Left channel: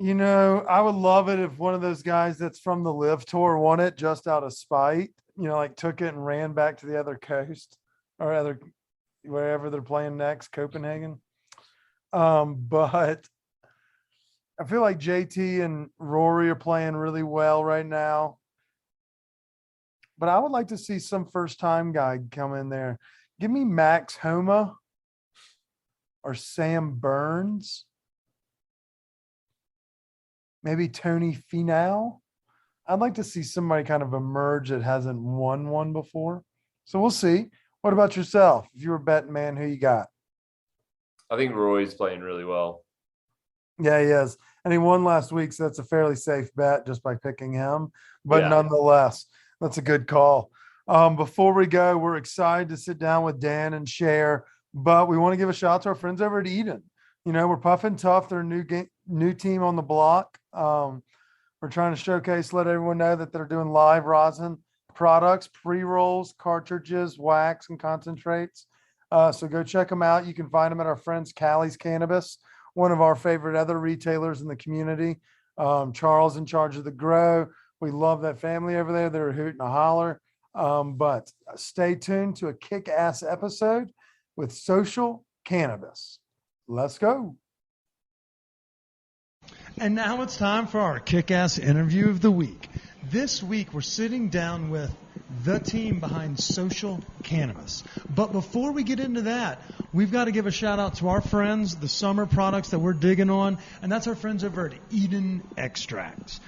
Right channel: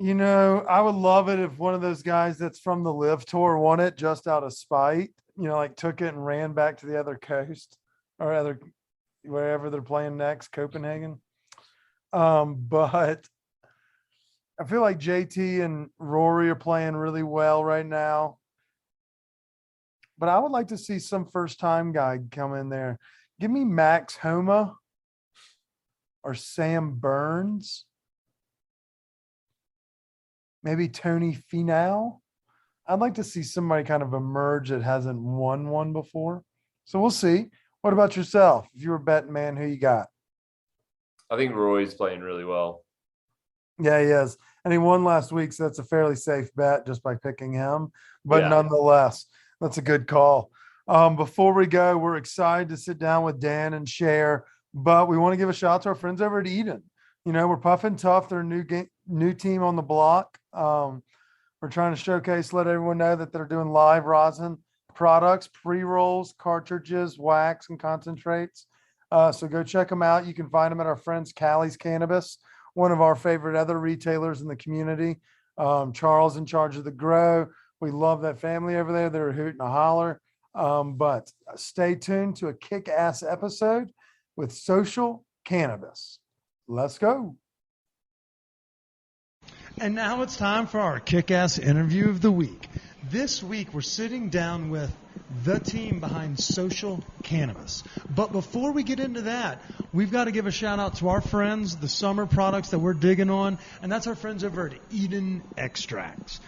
I would love it if one of those guys that's from the Live Tour won it just out of spite. Like took it and ran back to the other coast or other wherever they're playing next, Copenhagen. But I feel like JT and Rory are playing really well right now. But I would like to see some first time guy come in there. Give me Max Homa or Sam Burns. Maybe Tony Finau. I'd like to see somebody kind of emerge that hasn't won one before. So we'll see. What about yourself? If you were a betting man, who you got? I think Roy's playing really well. Yeah, he is. And he won last week, so that's a fairly safe bet just by picking him. But Yeah. nonetheless, that's a good call. Before we go, we're excited to sit down with Dan and Sher, but we want to give a shout out to our friends over at Eden. We're Puffin Tough. They're a new team on the block. We're trying to showcase, let everyone know that they're doing live rosin products, pre-rolls, cartridges, wax, and concentrates. So go check them out. You can find them at our friends Callie's Cannabis, one of our favorite other retailers in the community. Charles in charge of the grow. We love that family over there. They're a hoot and a holler. But stay tuned to a kick-ass episode with Social Cannabis. Let's go. And now it's time for our kick-ass interview of the week. This week, we're sitting down with the team behind Social Cannabis. But before we get into that, we've got to give a shout out to our friends, the summer products that we're digging on, and that's our friends over at Eden Extracts.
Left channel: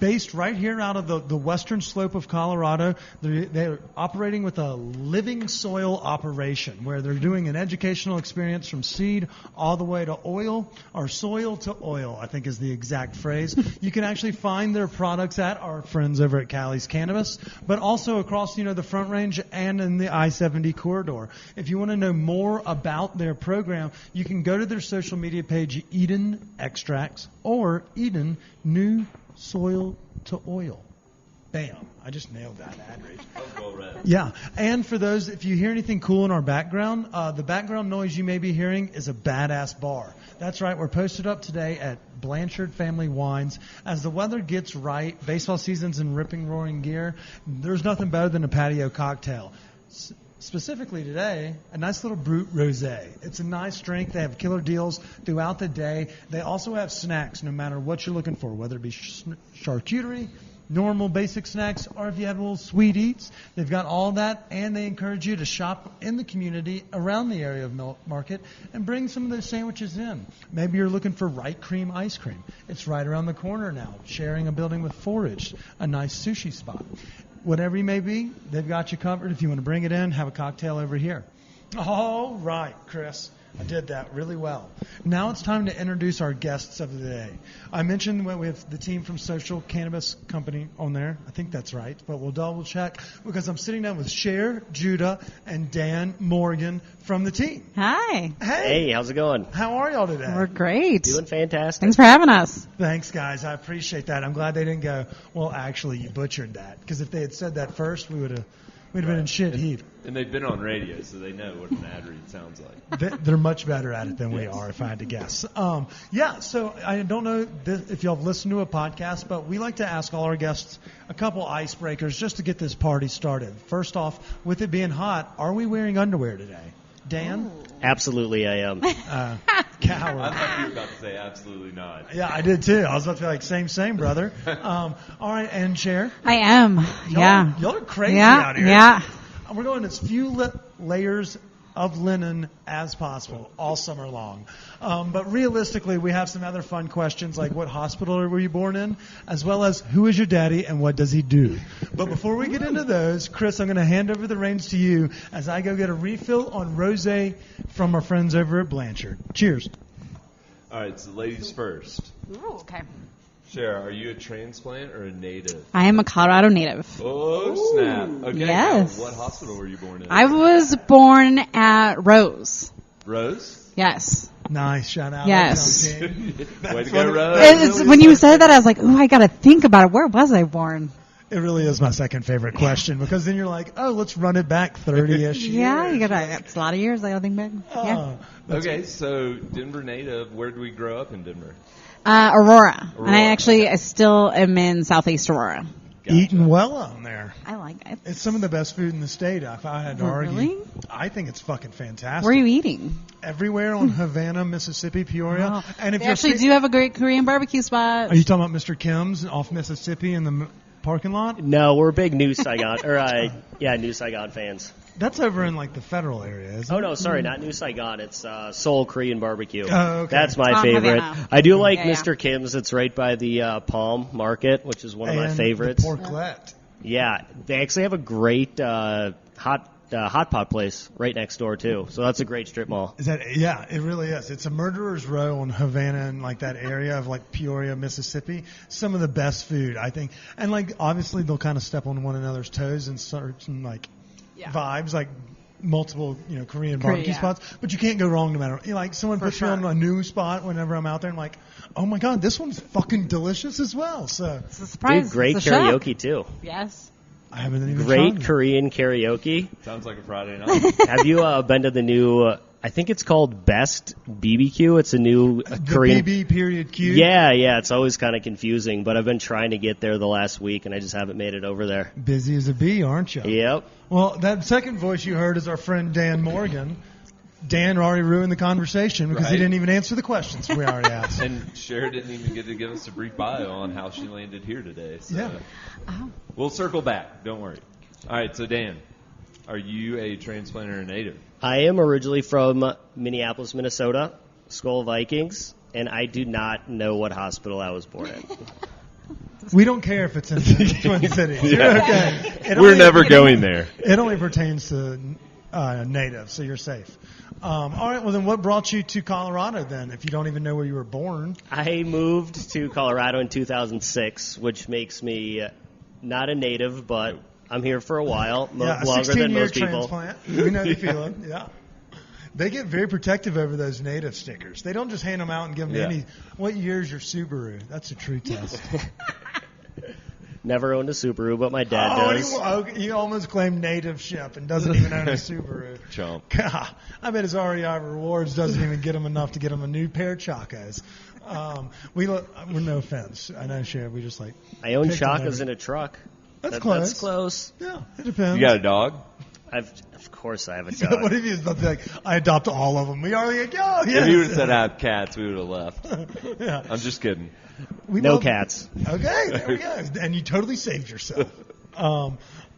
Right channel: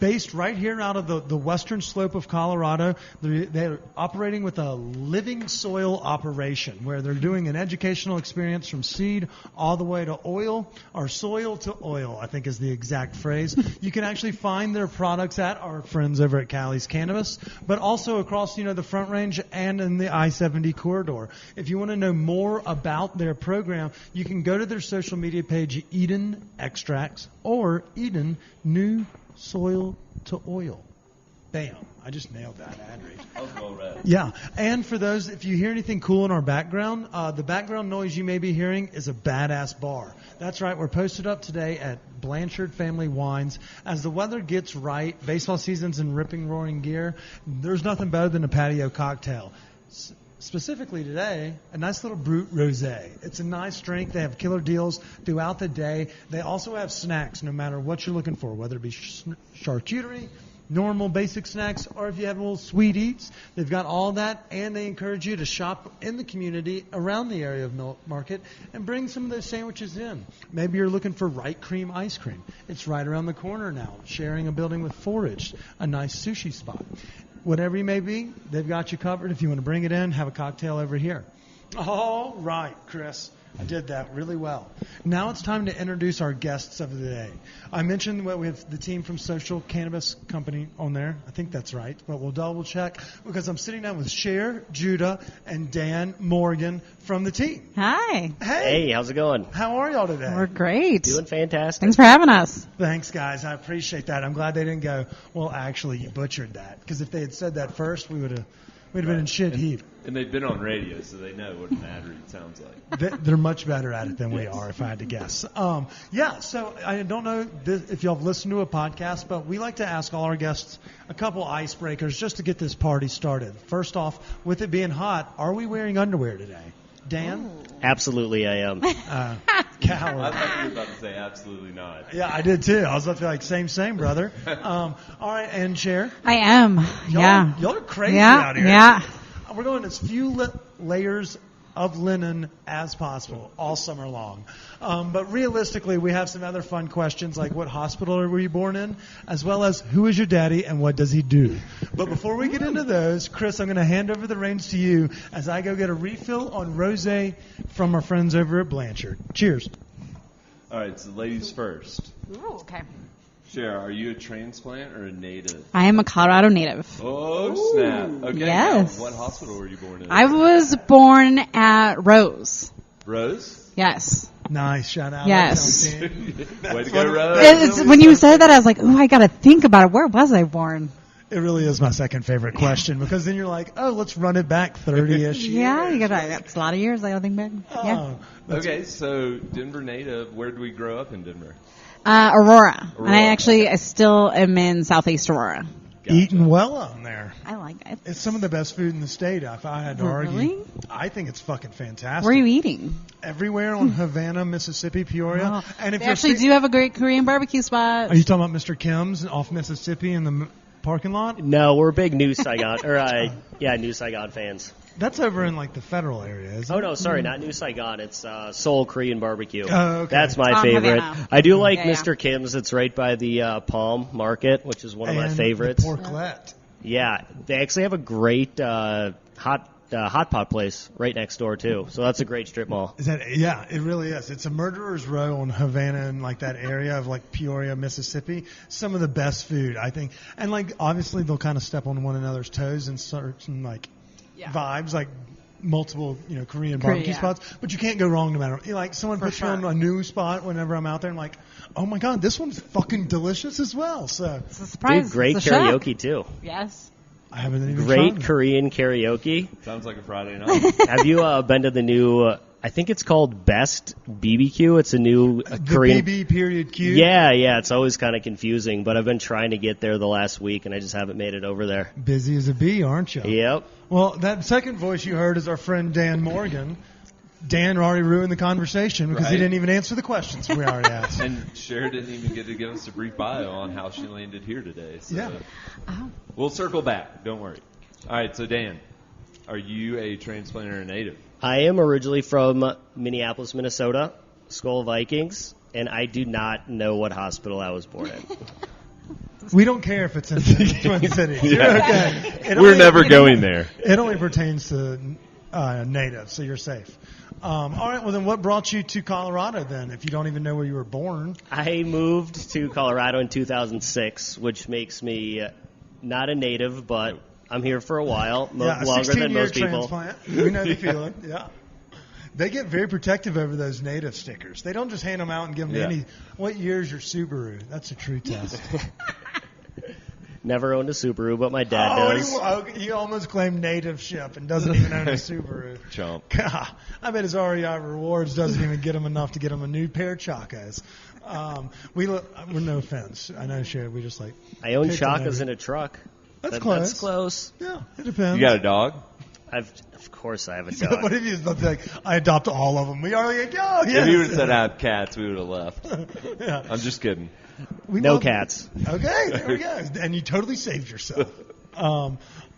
Based right here out of the western slope of Colorado, they're operating with a living soil operation where they're doing an educational experience from seed all the way to oil, or soil to oil, I think is the exact phrase. You can actually find their products at our friends over at Callie's Cannabis, but also across, the Front Range and in the I-70 corridor. If you want to know more about their program, you can go to their social media page, Eden Extracts, or Eden New Soil to Oil. Bam. I just nailed that ad read. That was well read. Yeah. And for those, if you hear anything cool in our background, the background noise you may be hearing is a badass bar. That's right. We're posted up today at Blanchard Family Wines. As the weather gets right, baseball season's in ripping, roaring gear, there's nothing better than a patio cocktail. Specifically today, a nice little Brut Rosé. It's a nice drink. They have killer deals throughout the day. They also have snacks, no matter what you're looking for, whether it be charcuterie, normal basic snacks, or if you have little sweet eats. They've got all that, and they encourage you to shop in the community around the area of Market and bring some of those sandwiches in. Maybe you're looking for Right Cream ice cream. It's right around the corner now, sharing a building with Forage, a nice sushi spot. Whatever you may be, they've got you covered. If you want to bring it in, have a cocktail over here. All right, Chris. I did that really well. Now it's time to introduce our guests of the day. I mentioned we have the team from Social Cannabis Company on there. I think that's right, but we'll double check because I'm sitting down with Sher, Judah, and Dan Morgan from the team. Hi. Hey, how's it going? How are y'all today? We're great. Doing fantastic. Thanks for having us. Thanks, guys. I appreciate that. I'm glad they didn't go, well, actually, you butchered that. Because if they had said that first, we'd have been in shit heap. And they've been on radio, so they know what an ad read sounds like. They're much better at it than we are, if I had to guess. So I don't know if y'all have listened to a podcast, but we like to ask all our guests a couple icebreakers just to get this party started. First off, with it being hot, are we wearing underwear today? Dan? Ooh. Absolutely, I am. Coward. I thought you were about to say absolutely not. Yeah, I did too. I was about to be like, same, brother. All right, and Cher? I am. Y'all are crazy out here. Yeah. We're going as few layers of linen as possible all summer long. But realistically, we have some other fun questions like what hospital were you born in, as well as who is your daddy and what does he do? But before we get into those, Chris, I'm going to hand over the reins to you as I go get a refill on rosé from our friends over at Blanchard. Cheers. All right, so ladies first. Ooh, okay. Cher, are you a transplant or a native? I am a Colorado native. Oh, snap. Okay, yes. Now, what hospital were you born in? I was born at Rose. Rose? Yes. Nice. Shout out. Yes. Way to go, Rose. When you said that, I was like, ooh, I got to think about it. Where was I born? It really is my second favorite question because then you're like, oh, let's run it back 30-ish years. Yeah, it's a lot of years. I don't think back. Yeah. Okay, so Denver native. Where did we grow up in Denver? Aurora. And Aurora, I still am in Southeast Aurora. Gotcha. Eating well out there. I like it. It's some of the best food in the state, if I had to argue. Really? I think it's fucking fantastic. Where are you eating? Everywhere on Havana, Mississippi, Peoria. Oh. And if They you're actually do have a great Korean barbecue spot. Are you talking about Mr. Kim's off Mississippi in the parking lot? No, we're big New Saigon, New Saigon fans. That's over in like the federal area, isn't it? Oh no, sorry, not New Saigon. It's Seoul Korean barbecue. Oh, okay. That's my On favorite. Havana. I do like Yeah, yeah. Mr. Kim's. It's right by the Palm Market, which is one of my And favorites. The porklet. Yeah, they actually have a great hot pot place right next door too. So that's a great strip mall. Is that? Yeah, it really is. It's a murderer's row on Havana and like that area of like Peoria, Mississippi. Some of the best food, I think. And like obviously they'll kind of step on one another's toes and certain like vibes, like multiple Korean barbecue yeah. spots. But you can't go wrong no matter. Like someone puts me on a new spot whenever I'm out there, and like, oh my god, this one's fucking delicious as well. So It's a surprise. Dude, great It's a shock. karaoke too. Yes. I haven't even Great tried it. Korean karaoke. Sounds like a Friday night. Have you been to the new? I think it's called Best BBQ. It's a new The Korean. BB period Q. Yeah. It's always kind of confusing, but I've been trying to get there the last week, and I just haven't made it over there. Busy as a bee, aren't you? Yep. Well, that second voice you heard is our friend Dan Morgan. Dan already ruined the conversation because he Right. didn't even answer the questions we already asked. And Cher didn't even get to give us a brief bio on how she landed here today. So Yeah. Oh. we'll circle back. Don't worry. All right, so Dan, are you a transplanter or native? I am originally from Minneapolis, Minnesota, Skull Vikings, and I do not know what hospital I was born in. We don't care if it's in the Twin Cities. You're okay. We're never going there. It only pertains to natives, so you're safe. All right, well then what brought you to Colorado then, if you don't even know where you were born? I moved to Colorado in 2006, which makes me not a native, but I'm here for a while, Yeah, a longer than 16-year most people. transplant. We know the feeling, yeah. They get very protective over those native stickers. They don't just hand them out and give them Yeah. any. What year's your Subaru? That's a true test. Never owned a Subaru, but my dad does. He almost claimed native ship and doesn't even own a Subaru. Chump. God, I bet his REI Rewards doesn't even get him enough to get him a new pair of Chacos. We're no offense. I know, Cher. We just like. I own picked on Chakas every- in a truck. That's close. That's close. Yeah, it depends. You got a dog? Of course I have a What dog. if he's like, I adopt all of them? We are like, oh, yes. If you would have said I have cats, we would have left. Yeah. I'm just kidding. We No love- cats. Okay, there we go. And you totally saved yourself.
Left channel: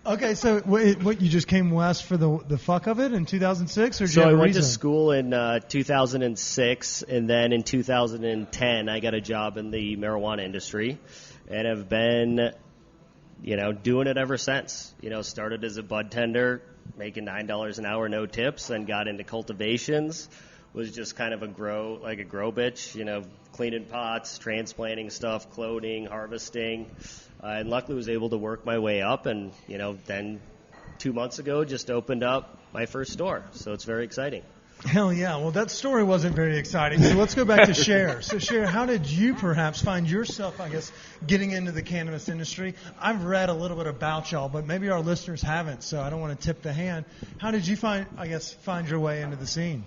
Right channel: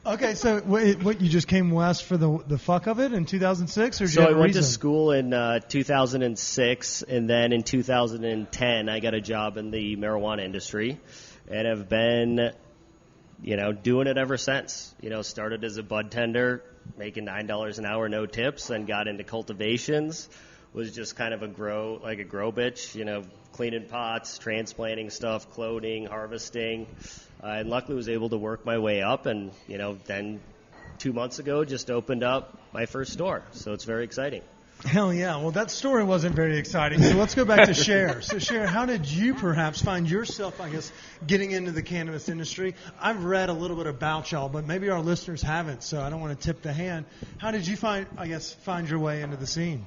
Okay, so what you just came west for the fuck of it in 2006, or did So you have I a went to reason? school in 2006, and then in 2010 I got a job in the marijuana industry, and have been, doing it ever since. Started as a bud tender, making $9 an hour, no tips, then got into cultivations. Was just kind of a grow bitch, cleaning pots, transplanting stuff, cloning, harvesting, and luckily was able to work my way up. And then 2 months ago, just opened up my first store, so it's very exciting. Hell yeah. Well, that story wasn't very exciting. So let's go back to Cher. So Cher, how did you perhaps find yourself, I guess, getting into the cannabis industry? I've read a little bit about y'all, but maybe our listeners haven't, so I don't want to tip the hand. How did you find your way into the scene?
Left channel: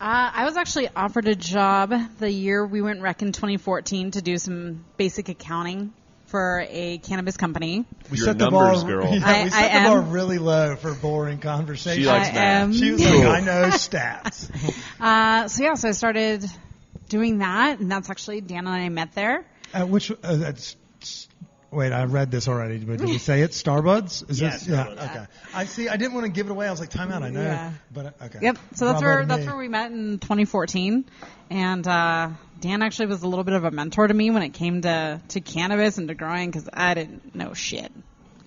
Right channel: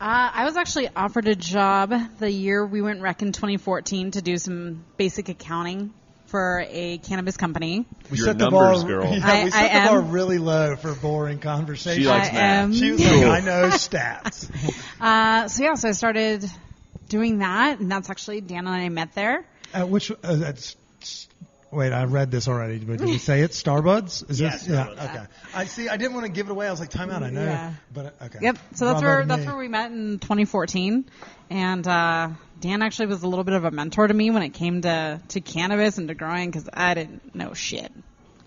I was actually offered a job the year we went rec in 2014 to do some basic accounting for a cannabis company. We You're set a the numbers bar, girl. Yeah, we set I the bar am. really low for boring conversation. She likes I math. am. She was like, I know stats. So I started doing that, and that's actually Dan and I met there. Wait, I read this already, but did we say it? Starbuds? Is Yeah, this? Starbuds. Yeah. Okay. I see. I didn't want to give it away. I was like, time out. I know. Yeah. But okay. Yep. So that's Bravo to where me. we met in 2014, and Dan actually was a little bit of a mentor to me when it came to cannabis and to growing, because I didn't know shit.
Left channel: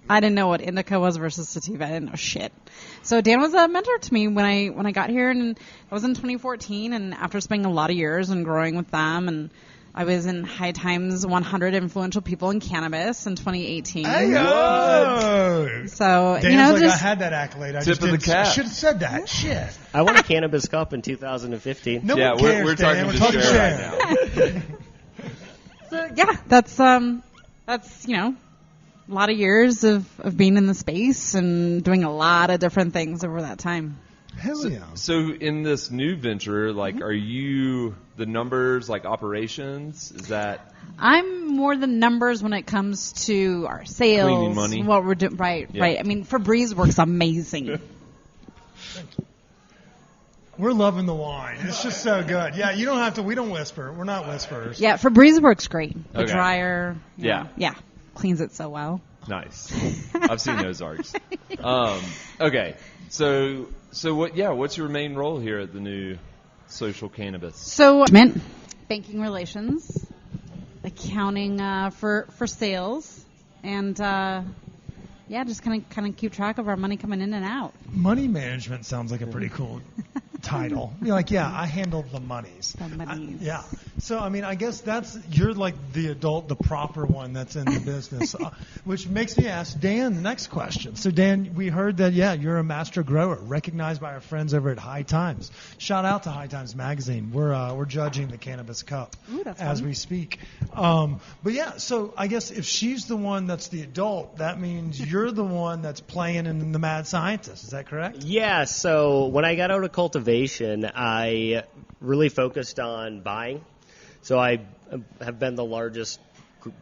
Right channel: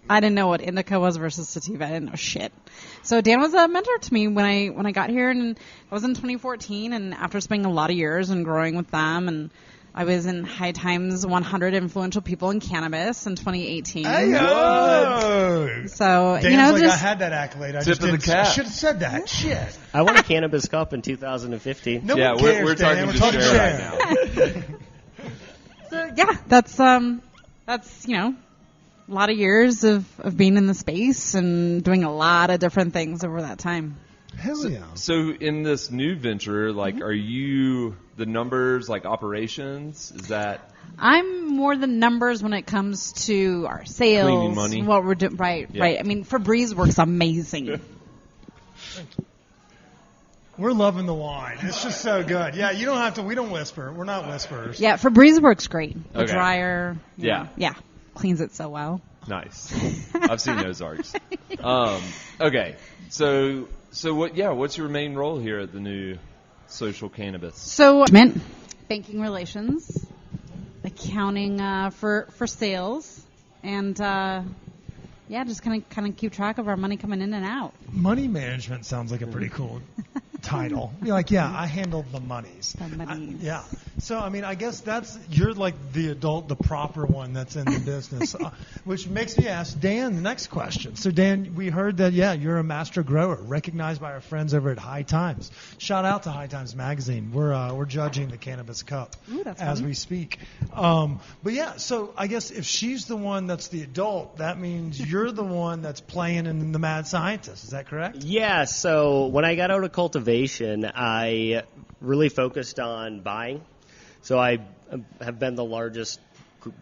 I didn't know what indica was versus sativa. I didn't know shit. So Dan was a mentor to me when I got here, and I was in 2014. And after spending a lot of years and growing with them, and I was in High Times 100 Influential People in Cannabis in 2018. Hey, yo! So Dan's like, just I had that accolade. I Tip just of the didn't. cap. I should have said that. Shit. I won a Cannabis Cup in 2015. No Yeah, one cares, we're Dan. talking We're to talking Cher Cher. right now. so, yeah, that's lot of years of being in the space and doing a lot of different things over that time. Hell yeah. So in this new venture, like, are you the numbers, like operations? Is that I'm more the numbers when it comes to our sales, cleaning money? what we're doing. Right, Yeah. right. I mean, Febreze works amazing. We're loving the wine. It's just so good. Yeah, you don't have to. We don't whisper. We're not whisperers. Yeah, Febreze works great. The Okay. dryer. Yeah. Yeah. Cleans it so well. Nice. I've seen Ozarks. Okay. So what? Yeah. What's your main role here at the new Social Cannabis? So, banking relations, accounting for sales, and just kind of keep track of our money coming in and out. Money management sounds like a pretty cool title. You're like, yeah, I handle the monies. The monies. Yeah. So, I mean, I guess you're like the adult, the proper one that's in the business, which makes me ask Dan the next question. So, Dan, we heard that, you're a master grower, recognized by our friends over at High Times. Shout out to High Times Magazine. We're judging the Cannabis Cup as we speak. But yeah, so I guess if she's the one that's the adult, that means you're the one that's playing in the mad scientist. Is that correct? Yeah, so when I got out of cultivation, I really focused on buying. So I have been the largest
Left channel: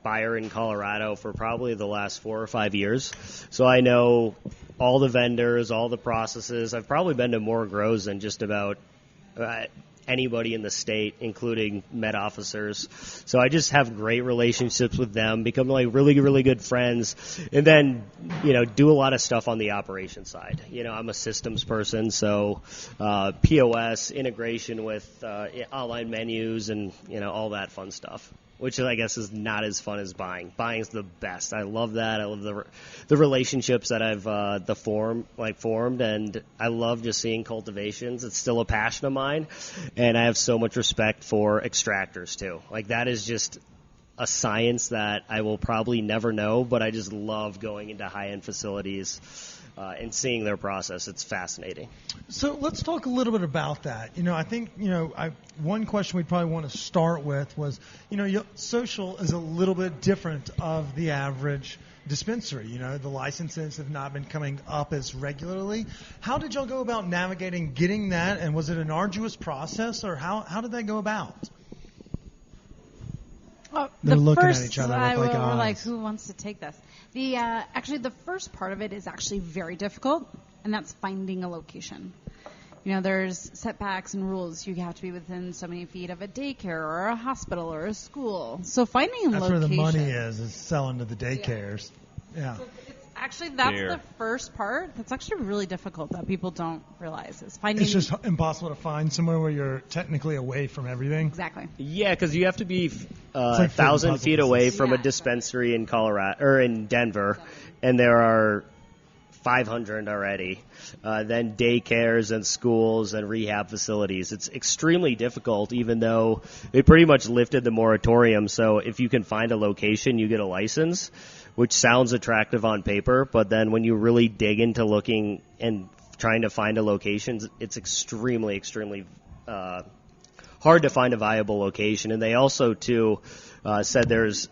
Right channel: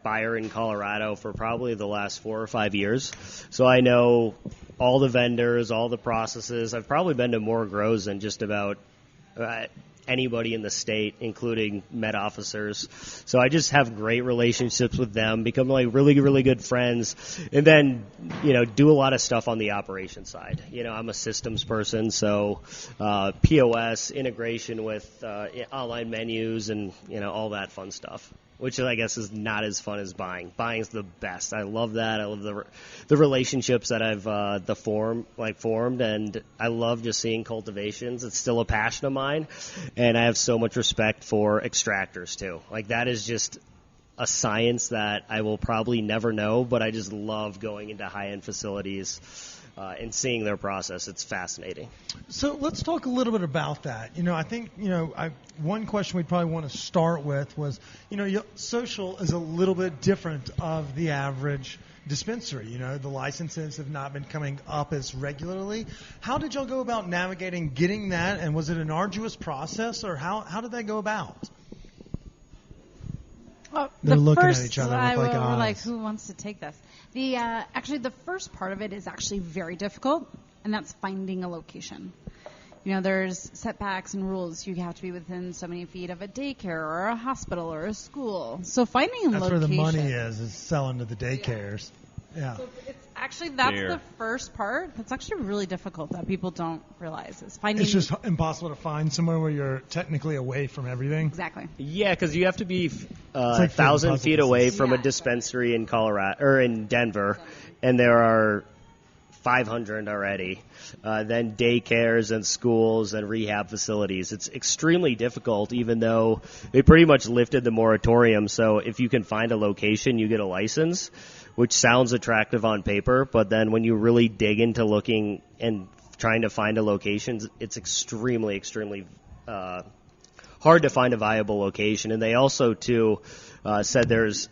buyer in Colorado for probably the last 4 or 5 years. So I know all the vendors, all the processes. I've probably been to more grows than just about anybody in the state, including med officers. So I just have great relationships with them, become like really, really good friends, and then, do a lot of stuff on the operations side. I'm a systems person, so POS, integration with online menus and, all that fun stuff, which I guess is not as fun as buying. Buying's the best. I love that. I love the relationships that I've formed, and I love just seeing cultivations. It's still a passion of mine, and I have so much respect for extractors too. Like, that is just a science that I will probably never know, but I just love going into high-end facilities and seeing their process. It's fascinating. So let's talk a little bit about that. I think, one question we'd probably want to start with was, social is a little bit different of the average dispensary. The licenses have not been coming up as regularly. How did y'all go about navigating getting that, and was it an arduous process, or how did that go about? They're looking at each other with we're eyes. like, who wants to take this? The first part of it is actually very difficult, and that's finding a location. There's setbacks and rules. You have to be within so many feet of a daycare or a hospital or a school. So finding a That's location. where the money is selling to the daycares. Yeah. So that's the first part. That's actually really difficult that people don't realize is finding. It's just impossible to find somewhere where you're technically away from everything. Exactly. Yeah, because you have to be like 1,000 feet away from a Yeah, dispensary in Colorado or in Denver, and there are 500 already. Then daycares and schools and rehab facilities. It's extremely difficult, even though they pretty much lifted the moratorium. So if you can find a location, you get a license, which sounds attractive on paper, but then when you really dig into looking and trying to find a location, it's extremely, extremely hard to find a viable location. And they also, too, said there's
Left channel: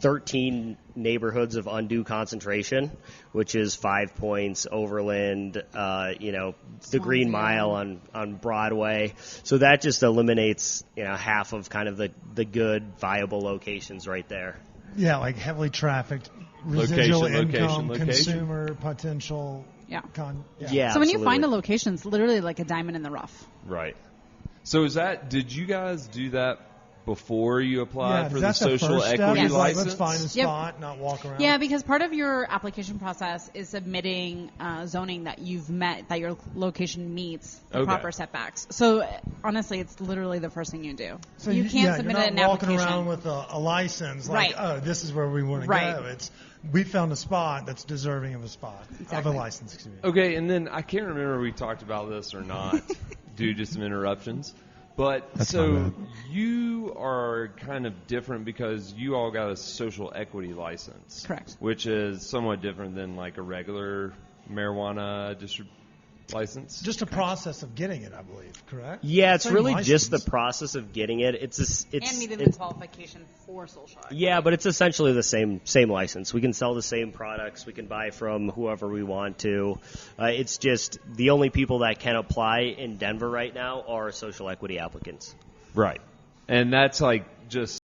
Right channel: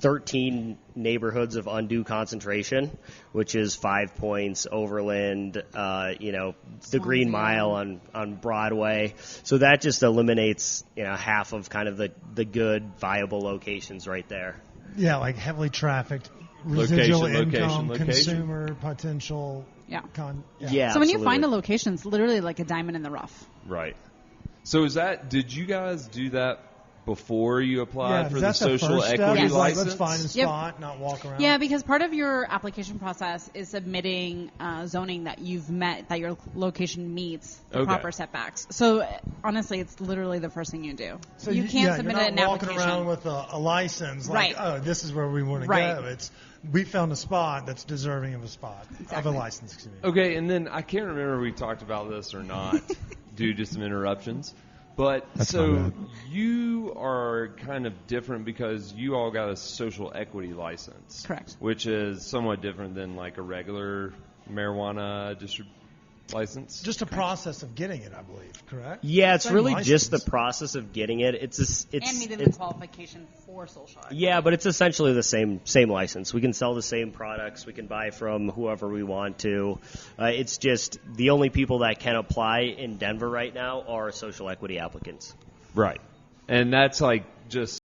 13 neighborhoods of undue concentration, which is 5 Points, Overland, the Green Mile on Broadway. So that just eliminates, half of kind of the good, viable locations right there. Yeah, like heavily trafficked, residual income, location. consumer potential. Yeah. Yeah, So when you absolutely. find a location, it's literally like a diamond in the rough. Right. So did you guys do that before you applied for the that's social first equity step. license? Let's find a Yep. spot, not walk around. Yeah, because part of your application process is submitting zoning that you've met, that your location meets the Okay. proper setbacks. So honestly, it's literally the first thing you do. So you can't submit you're it not in an walking application. around with a license like, Right. oh, this is where we want to Right. go. It's we found a spot that's deserving of a spot of Exactly. a license. Excuse me. Okay, and then I can't remember if we talked about this or not due to some interruptions. But That's so my bad. you are kind of different because you all got a social equity license. Correct. Which is somewhat different than like a regular marijuana license? Just a process of getting it, I believe, correct? Yeah, it's Same really license. just the process of getting it. It's And meeting the qualification for social equity. yeah, but it's essentially the same license. We can sell the same products. We can buy from whoever we want to. It's just the only people that can apply in Denver right now are social equity applicants. Right. And that's like just